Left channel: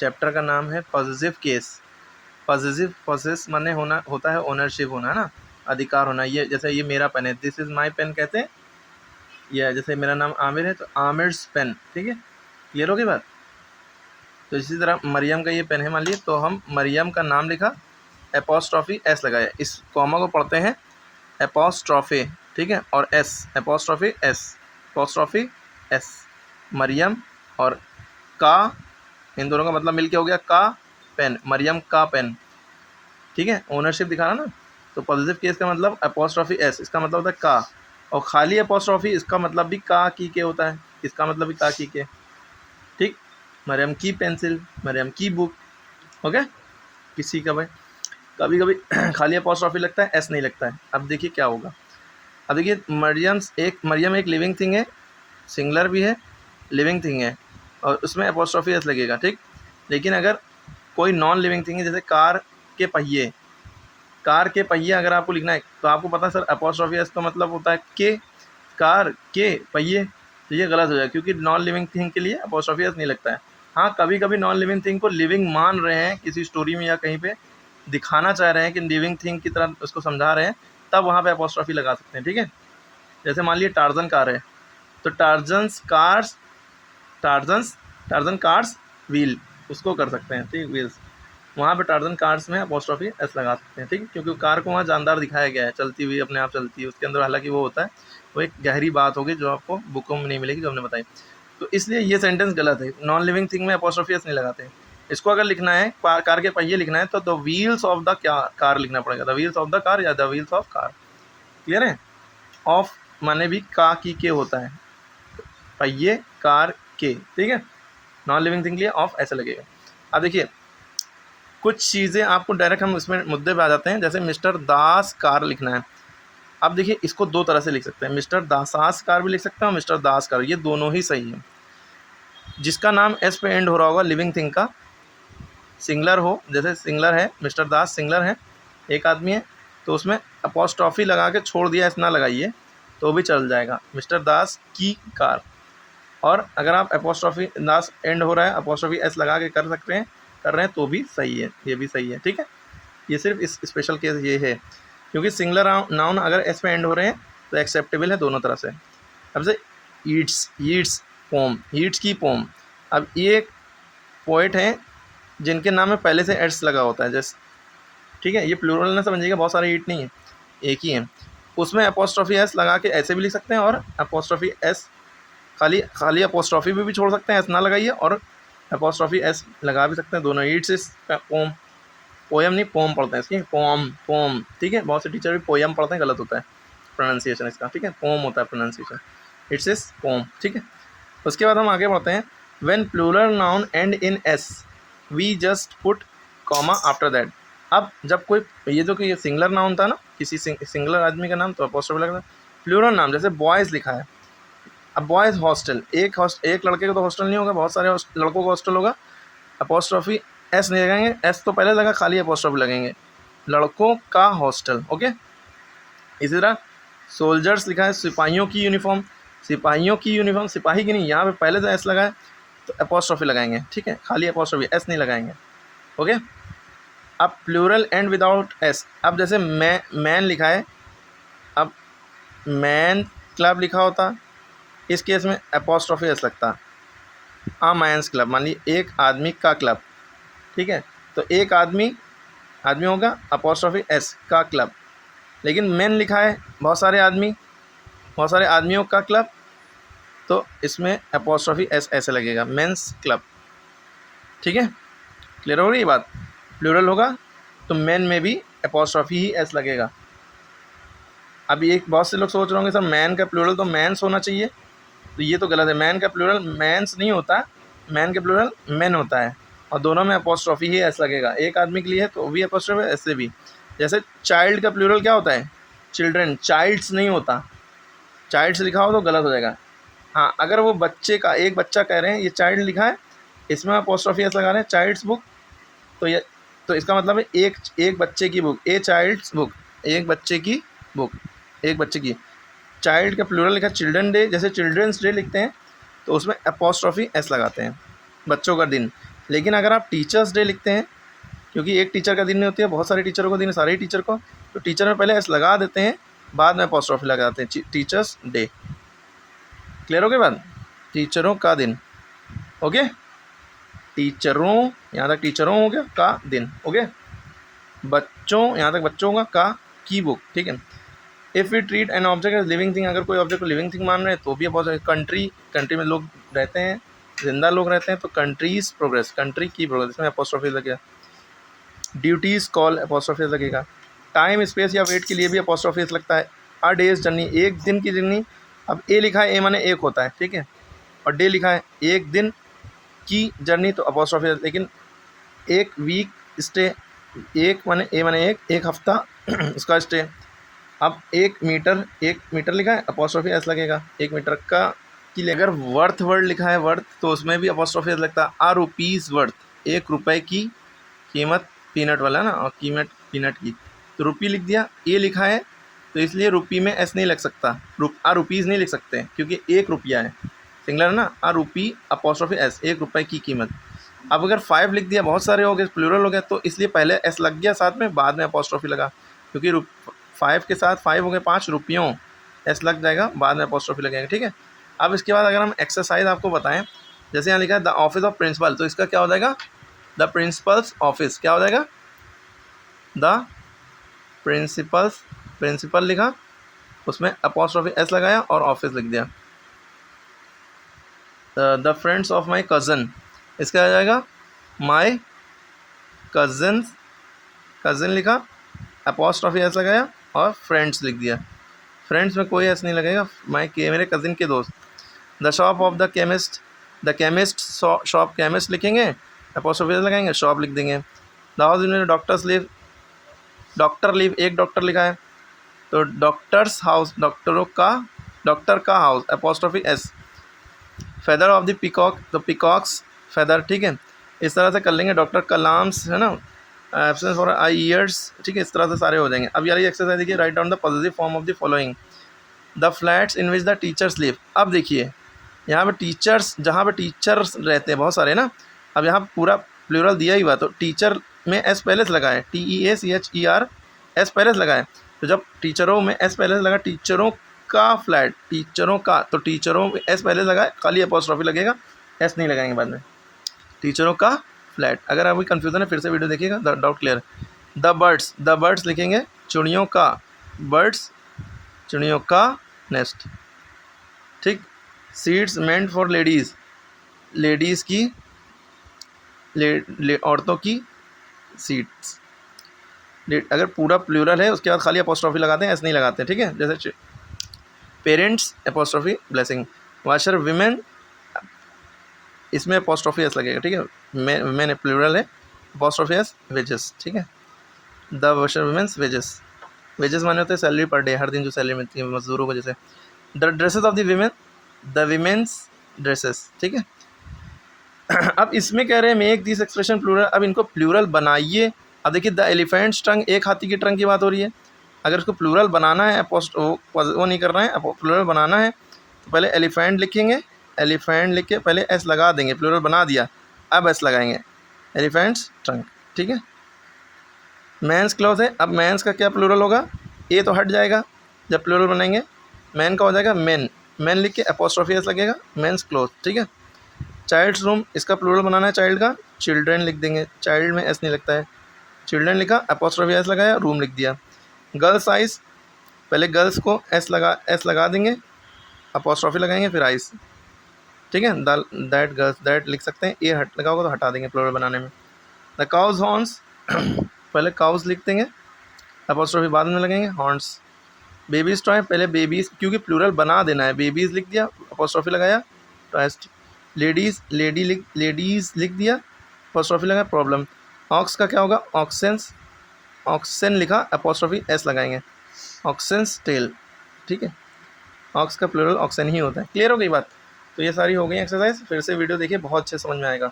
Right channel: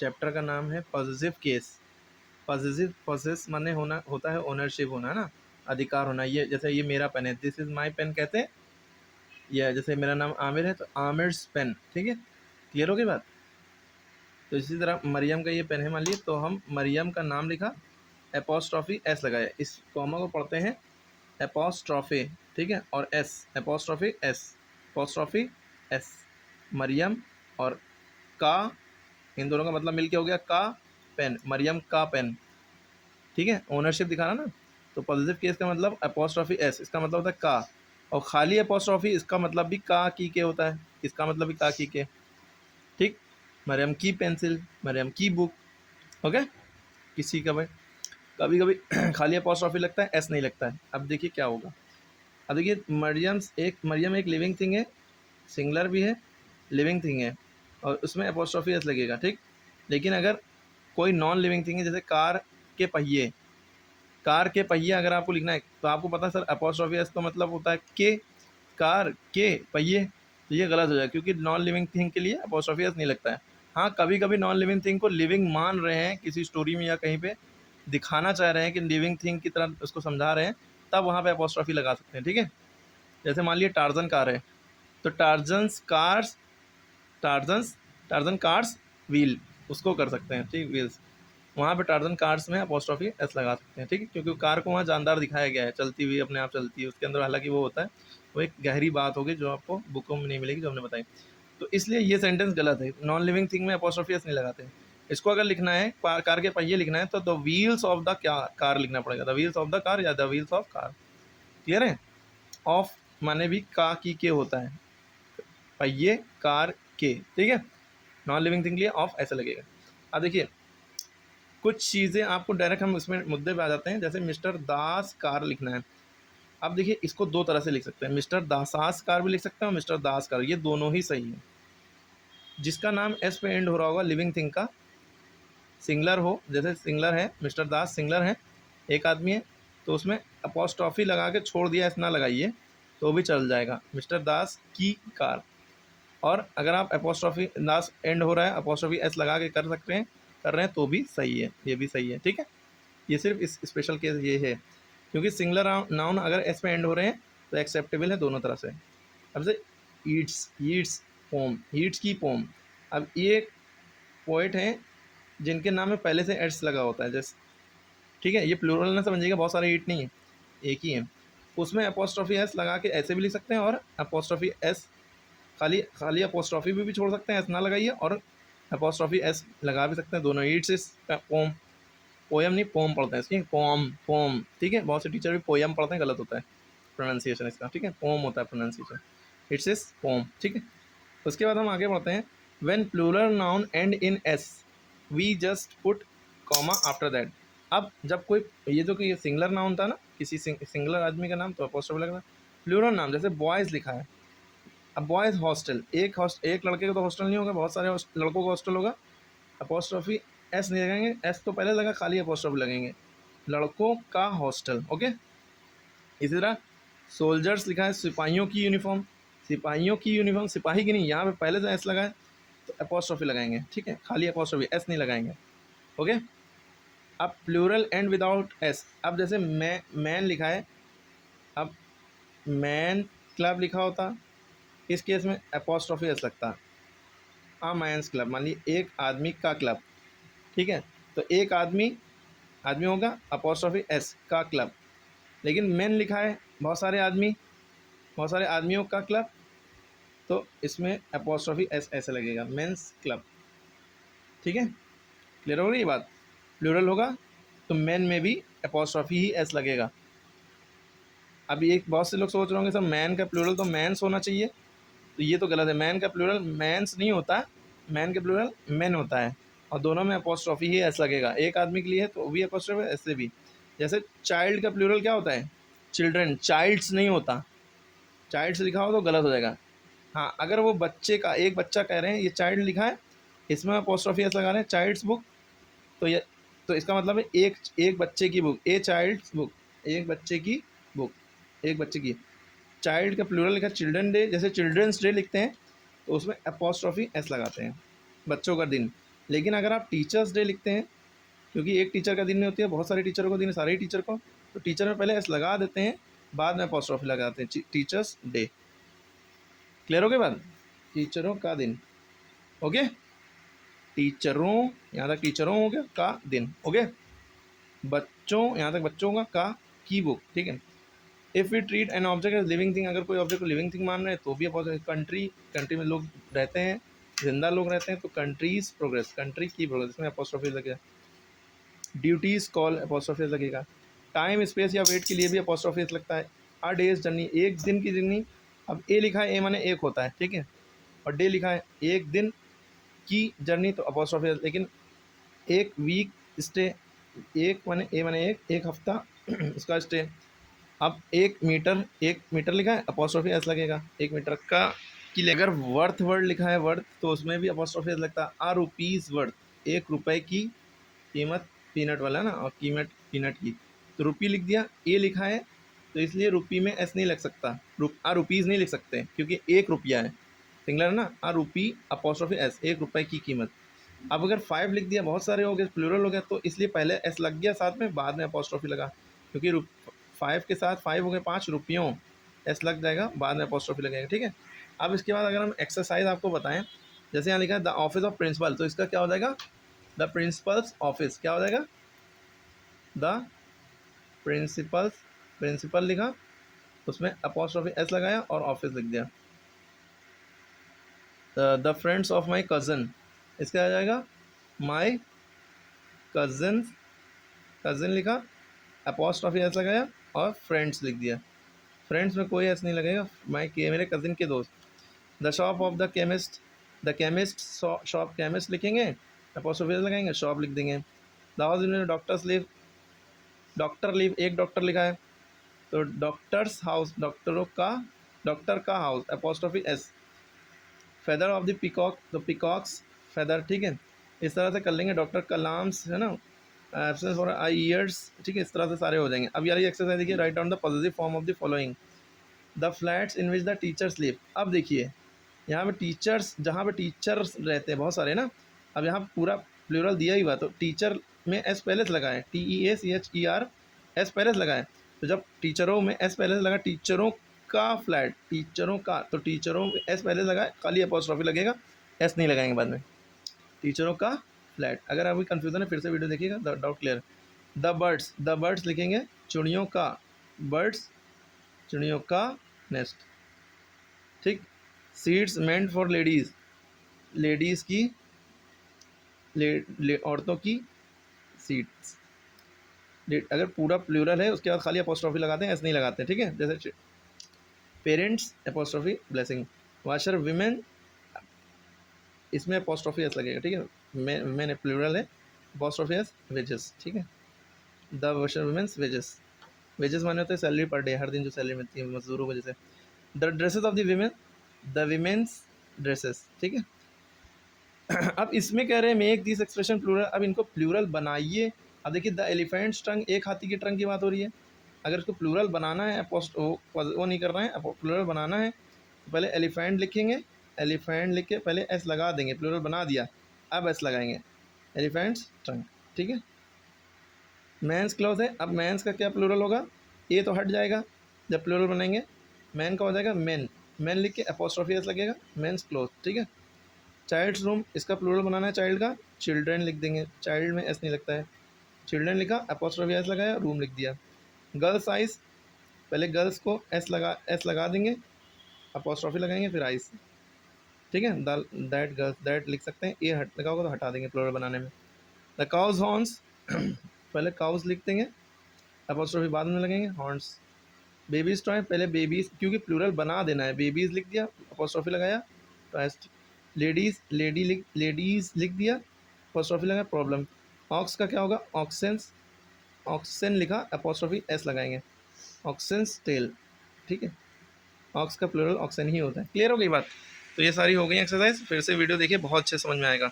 Chapter का नाम है पॉसेसिव केस। पॉसेसिव, पॉसेस माने होना होता है ओनरशिप होना, है ना, अधिकार होना। ये जैसे ये मेरा पेन है, दिस इज़ माई पेन कहते हैं। ये जैसे मेरा नाम आमिर है तो आमिर्स पेन, ठीक है, क्लियर होगी बात। तो इसी तरह मरियम का ये पेन है मान लीजिए, तो हम मरियम का नाम लिखा, एपोस्ट्रॉफी एस लगाया, इस कॉमा को पढ़ते हैं एपोस्ट्रॉफी, ठीक है, और S, apostrophe S, apostrophe S, Mariam और का, इन दोनों का मतलब मिलके हो गया का पेन, मरियम का पेन, ठीक है, ओनरशिप दिखाना ना। तो पॉजिटिव केस का मतलब एपोस्ट्रॉफी एस, इसका मतलब होता है का, और खाली एपोस्ट्रॉफी इसका मतलब भी का की के होता है, इसका मतलब भी का की के, ठीक। मरियम की पेंसिल, मरियम की बुक, ओके। किसी का भाई कभी कभी खाली एपोस्ट्रॉफी लगता है, एस नहीं लगता है। अब देखिए क्या होगा। अब देखिए मरियम एक लिविंग थिंग है, सिंगुलर भी है, लिविंग थिंग है, और उसमें एपोस्ट्रॉफी एस लगेगा, ठीक। लेकिन अगर कोई नॉन लिविंग थिंग है, जैसे कार के पहिए, कार के पहिए अगर आपको लिखना है तो आपको पता है सर एपोस्ट्रॉफी एस का मतलब होता है के, कार के पहिए, तो ये गलत हो जाएगा क्योंकि नॉन लिविंग थिंग के लिए एपोस्ट्रॉफी एस नहीं लगता है। हाँ, कभी कभी नॉन लिविंग थिंग को लिविंग मान रहे हैं किसी स्टोरी में या कहीं पे दिखाना चाह रहे हैं कि लिविंग थिंग की तरह उसको समझा रहे हैं, तब वहाँ पे एपोस्ट्रॉफी लगा सकते हैं, ठीक है। जैसे मान लीजिए टार्जन कार है, तो टार्जन कार्स व्हील, उसको कर सकते हैं, ठीक, व्हील्स, वहाँ पे टार्जन कार्स में अपोस्ट्रॉफी एस लगा सकते हैं, ठीक है, क्योंकि कार को वहाँ जानदार दिखाया गया है, चलती हुई, अपने आप चलती है, उसके अंदर हालांकि वो होता है, वो एक गहरी बात होगी जो आपको बुकों में नहीं मिलेगी जो हमने बताई। तो इसलिए ये सेंटेंस गलत है, नॉन लिविंग थिंग में अपोस्ट्रॉफी एस नहीं लगाते। इसको अगर लिखना है कार के पहिए लिखना है तो the wheels of the car लिखना पड़ेगा, the wheels of the car या the wheels of car, clear है। ऑफ माने भी का की के होता है, पहिए कार के, ठीक है, नॉन लिविंग थिंग के लिए ऑफ ऐसे लगेगा। अब देखिए कुछ चीज़ें आपको डायरेक्ट हम इसमें मुद्दे पे आ जाते हैं, जैसे मिस्टर दास कार लिखना है। अब देखिए इसको दो तरह से लिख सकते हैं, मिस्टर दासास कार भी लिख सकते हैं और मिस्टर दास कार, ये दोनों ही सही है। जिसका नाम एस पे एंड हो रहा होगा लिविंग थिंग का, सिंगलर हो, जैसे सिंगलर है, मिस्टर दास सिंगलर है, एक आदमी है, तो उसमें अपोस्ट्रॉफी लगा के छोड़ दिया, एस ना लगाइए तो भी चल जाएगा, मिस्टर दास की कार। और अगर आप अपोस्ट्रॉफी दास एंड हो रहा है, अपोस्ट्रॉफी एस लगा के कर रहे हैं तो भी सही है, ये भी सही है, ठीक है। ये सिर्फ इस स्पेशल केस ये है क्योंकि सिंगुलर नाउन अगर एस पे एंड हो रहे हैं तो एक्सेप्टेबल है दोनों तरह से। अब से ईट्स पोम, ईट्स की पोम, अब ये एक पोइट हैं जिनके नाम में पहले से एस लगा होता है, जैसे, ठीक है, ये प्लूरल ना समझिएगा, बहुत सारे ईट नहीं है, एक ही है, उसमें अपोस्ट्रॉफी एस लगा के ऐसे भी लिख सकते हैं, और अपोस्ट्रॉफी एस खाली अपोस्ट्रॉफी भी छोड़ सकते हैं, एस ना लगाइए, और अपोस्ट्रॉफी एस लगा भी सकते हैं, दोनों। ईट्स इस पोम, पोएम नहीं पोम पढ़ते हैं इसकी, पोम, ठीक है, बहुत से टीचर भी पोएम पढ़ते हैं, गलत होता है प्रोनाउंसिएशन इसका, ठीक है, पोम होता है प्रोनाउंसिएशन, इट्स इज पोम, ठीक है। उसके बाद हम आगे बढ़ते हैं, when plural noun end in S we just put comma after that. अब जब कोई ये जो कि ये सिंगुलर नाउन था ना, किसी सिंगुलर आदमी का नाम, तो अपोस्ट्रॉफी लगा, प्लूरल नाम जैसे बॉयज़ लिखा है, अब बॉयज़ हॉस्टल, एक लड़के का तो हॉस्टल नहीं होगा, बहुत सारे लड़कों का हॉस्टल होगा, अपोस्ट्रॉफी एस नहीं लगाएंगे, एस तो पहले लगा, खाली अपोस्ट्रॉफी लगेंगे, लड़कों का हॉस्टल, ओके। इसी तरह सोल्जर्स लिखा है, सिपाहियों की यूनिफॉर्म, सिपाही की नहीं, यहाँ पे पहले से एस लगा है तो अपोस्ट्रॉफी लगाएंगे, ठीक है, खाली अपोस्ट्रॉफी, एस नहीं लगाएंगे, ओके। अब प्लूरल एंड विदाउट एस, अब जैसे मैन लिखा है, अब मैन क्लब लिखा होता, इस केस में अपोस्ट्रॉफी एस लगता, आ मैंस क्लब, मान लीजिए एक आदमी का क्लब, ठीक है, तो एक आदमी होगा, अपोस्ट्रॉफी एस का क्लब, लेकिन मैन लिखा है, बहुत सारे आदमियों का क्लब, तो इसमें अपोस्ट्रॉफी एस ऐसे लगेगा, मेंस क्लब, ठीक है, क्लियर हो रही है बात। प्लूरल होगा तो मैन में भी अपोस्ट्रॉफी ही एस लगेगा। अभी एक बहुत से लोग सोच रहे होंगे सर मैन का प्लूरल तो मैंस होना चाहिए, तो ये तो गलत है, मैन का प्लूरल मैंस नहीं होता, मैन का प्लूरल मैन होता है, और दोनों में अपोस्ट्रॉफी ही एस लगेगा, एक आदमी के लिए है तो भी अपोस्ट्रॉफी, ऐसे भी। जैसे चाइल्ड का प्लूरल क्या होता है, चिल्ड्रन, चाइल्ड्स नहीं होता, चाइल्ड्स लिखा हो तो गलत हो जाएगा। हाँ, अगर वो बच्चे का, एक बच्चा कह रहे हैं, ये चाइल्ड लिखा है, इसमें अपोस्ट्रॉफी एस लगा रहे हैं, चाइल्ड्स बुक, तो ये, तो इसका मतलब है एक बच्चे की बुक, ए चाइल्ड्स बुक, एक बच्चे की बुक, एक बच्चे की। चाइल्ड का प्लूरल लिखा चिल्ड्रन डे, जैसे चिल्ड्रंस डे लिखते हैं तो उसमें अपोस्ट्रॉफी एस लगाते हैं, बच्चों का दिन। लेकिन अगर आप टीचर्स डे लिखते हैं, क्योंकि एक टीचर का दिन नहीं होती है, बहुत सारे टीचरों को दिन है, सारे ही टीचर को, तो टीचर में पहले एस लगा देते हैं, बाद में अपॉस्ट्रोफी लगाते हैं, टीचर्स डे। क्लियर हो गया बात? टीचरों का दिन, ओके, टीचरों, यहाँ तक टीचरों हो गया, का दिन, ओके। बच्चों, यहाँ तक बच्चों का की बुक, ठीक है। If we treat an object as living thing, अगर कोई ऑब्जेक्ट को लिविंग थिंग मान रहे हैं तो भी अपॉस्ट्रोफी। कंट्री, कंट्री में लोग रहते हैं, जिंदा लोग रहते हैं, तो कंट्रीज प्रोग्रेस, कंट्री की प्रोग्रेस, इसमें अपॉस्ट्रोफी लगेगा। ड्यूटीज कॉल, अपॉस्ट्रोफी लगेगा। टाइम स्पेस या वेट के लिए भी अपॉस्ट्रोफी लगता है। अ डेज जर्नी, एक दिन की जर्नी, अब ए लिखा है, ए माने एक होता है, ठीक है, और डे लिखा है एक दिन की जर्नी, तो अपॉस्ट्रोफी। लेकिन एक वीक स्टे, एक माने ए माने एक हफ्ता उसका स्टे। अब एक मीटर लिखा है, अपॉस्ट्रोफी एस लगेगा, एक मीटर का की। अगर वर्थ वर्ड लिखा है, वर्थ, तो उसमें भी अपॉस्ट्रोफी एस लगता है। आ रुपीज़ वर्थ, 1 रुपये की कीमत, पीनट वाला ना, और कीमत पीनट की, तो रुपी लिख दिया। ए लिखा है तो इसलिए रुपी में एस नहीं लग सकता, आ रुपीज़ नहीं लिख सकते क्योंकि 1 रुपया है, सिंगलर ना, आ रुपी अपॉस्ट्रोफी एस, 1 रुपये की कीमत। अब अगर 5 लिख दिया, बहुत सारे हो गए, प्लूरल हो गया, तो इसलिए पहले एस लग गया साथ में, बाद में अपॉस्ट्रोफी लगा, क्योंकि 5 के साथ 5 हो गए 5 रुपयों, एस लग जाएगा, बाद में अपॉस्ट्रोफी लगेगा, ठीक है। अब इसके बाद अगर हम एक्सरसाइज आपको बताएं, जैसे यहाँ लिखा है द ऑफिस ऑफ प्रिंसिपल, तो इसका क्या हो जाएगा, द प्रिंसिपल्स ऑफिस, क्या हो जाएगा, द प्रिंसिपल्स, प्रिंसिपल लिखा, उसमें अपॉस्ट्रोफी एस लगाया और ऑफिस लिख दिया। The friends of my cousin, इसका आ जाएगा माई कज़न, कज़न लिखा, अपॉस्ट्रोफी एस लगाया और फ्रेंड्स लिख दिया। फ्रेंड्स में कोई एस नहीं लगेगा, माई के, मेरे कज़न के दोस्त। The shop of the chemist, the chemist shop, chemist लिखेंगे, अपॉस्ट्रोफी एस लगाएंगे, शॉप लिख देंगे। The house in doctors live, doctor live, एक डॉक्टर लिखा है, तो डॉक्टर्स हाउस, डॉक्टरों का, डॉक्टर का house, apostrophe S. Feather of the peacock, तो पिकॉक्स फेदर, ठीक है, इस तरह से कर लेंगे। डॉक्टर कलाम्स है ना, एब्सेंस फॉर आई ईयर्स, ठीक है, इस तरह से सारे हो जाएंगे। अब यार ये एक्सरसाइज देखिए, write down the positive form of the following, the flats in which the teachers live. अब देखिए यहाँ पे टीचर्स, जहाँ पे टीचर्स रहते हैं बहुत सारे ना, अब यहाँ पूरा प्लूरल दिया ही हुआ, तो टीचर में एस पहले से लगाए, TEACHER, एस पहले से लगाए, तो जब टीचरों में एस पहले से लगा, टीचरों का फ्लैट, टीचरों का, तो टीचरों में एस पहले से लगाए, खाली अपॉस्ट्रोफी लगेगा, एस नहीं लगाएंगे बाद में, टीचरों का फ्लैट। अगर अभी कन्फ्यूज़न है फिर से वीडियो देखिएगा, doubt clear. The birds, the birds लिखेंगे, चिड़ियों का, बर्ड्स, चिड़ियों का नेस्ट, ठीक। Seats meant for ladies, ladies की, औरतों की सीट्स। अगर पूरा प्लूरल है उसके बाद खाली अपॉस्ट्रोफी लगाते हैं, एस नहीं लगाते हैं, ठीक है। जैसे parents, apostrophe blessing. Washer women, इसमें अपॉस्ट्रोफी एस लगेगा, ठीक है, मैंने प्लूरल है, अपॉस्ट्रोफी एस। वेजेस, ठीक है, the washer women's wages, wages माने होते हैं सैलरी पर डे, हर दिन जो सैलरी मिलती है मजदूरों को, जैसे the dresses of the women, the women's dresses, ठीक है। अब इसमें कह रहे हैं मेक दिस एक्सप्रेशन प्लूरल, अब इनको प्लूरल बनाइए। अब देखिए द एलिफेंट्स ट्रंक, एक हाथी की ट्रंक की बात हो रही है, अगर इसको प्लूरल बनाना है, वो नहीं करना है, प्लूरल बनाना है तो पहले एलिफेंट लिखेंगे, एलिफेंट लिख के पहले एस लगा देंगे, प्लूरल बना दिया, अब एस लगाएंगे, एलिफेंट्स ट्रंक, ठीक है। मैंस क्लॉथ है, अब मैंस का क्या प्लूरल होगा, ए तो हट जाएगा जब प्लूरल बनाएंगे, मैन का हो जाएगा मैन, मैन लिख के अपॉस्ट्रोफी एस लगेगा, मैंस क्लॉथ, ठीक है। चाइल्ड्स रूम, इसका प्लूरल बनाना है चाइल्ड का, चिल्ड्रेन लिख देंगे, चाइल्ड में एस नहीं लगता है, चिल्ड्रेन लिखा, अपॉस्ट्रोफी एस लगाया, रूम लिख दिया। गर्ल्स आइस, पहले गर्ल्स को एस लगा देंगे, अपॉस्ट्रोफी लगाएंगे, फिर आइस, ठीक है। दैट गर्ल्स, दैट लिख सकते हैं, ए हट लगा होगा तो हटा देंगे प्लूरल बनाने में। द काउज हॉर्न्स, पहले काउज लिख देंगे, अपॉस्ट्रोफी बाद में लगेंगे, हॉर्न्स। बेबीज टॉय, पहले बेबीज, क्योंकि प्लूरल बना देना है, बेबीज लिख दिया, अपॉस्ट्रोफी लगाया, टॉयस्ट। लेडीज़, लेडीज़ लिख दिया, अपॉस्ट्रोफी लगाया, प्रॉब्लम। ऑक्स का क्या होगा, ऑक्सेंस, ऑक्सेन लिखा, अपॉस्ट्रोफी एस लगाएंगे, ऑक्सेंस टेल, ठीक है, ऑक्स का प्लूरल ऑक्सेन ही होता है। क्लियर हो गई बात? तो ये सारी हो गई एक्सरसाइज, फिर से वीडियो देखिए, बहुत अच्छे समझ में आएगा।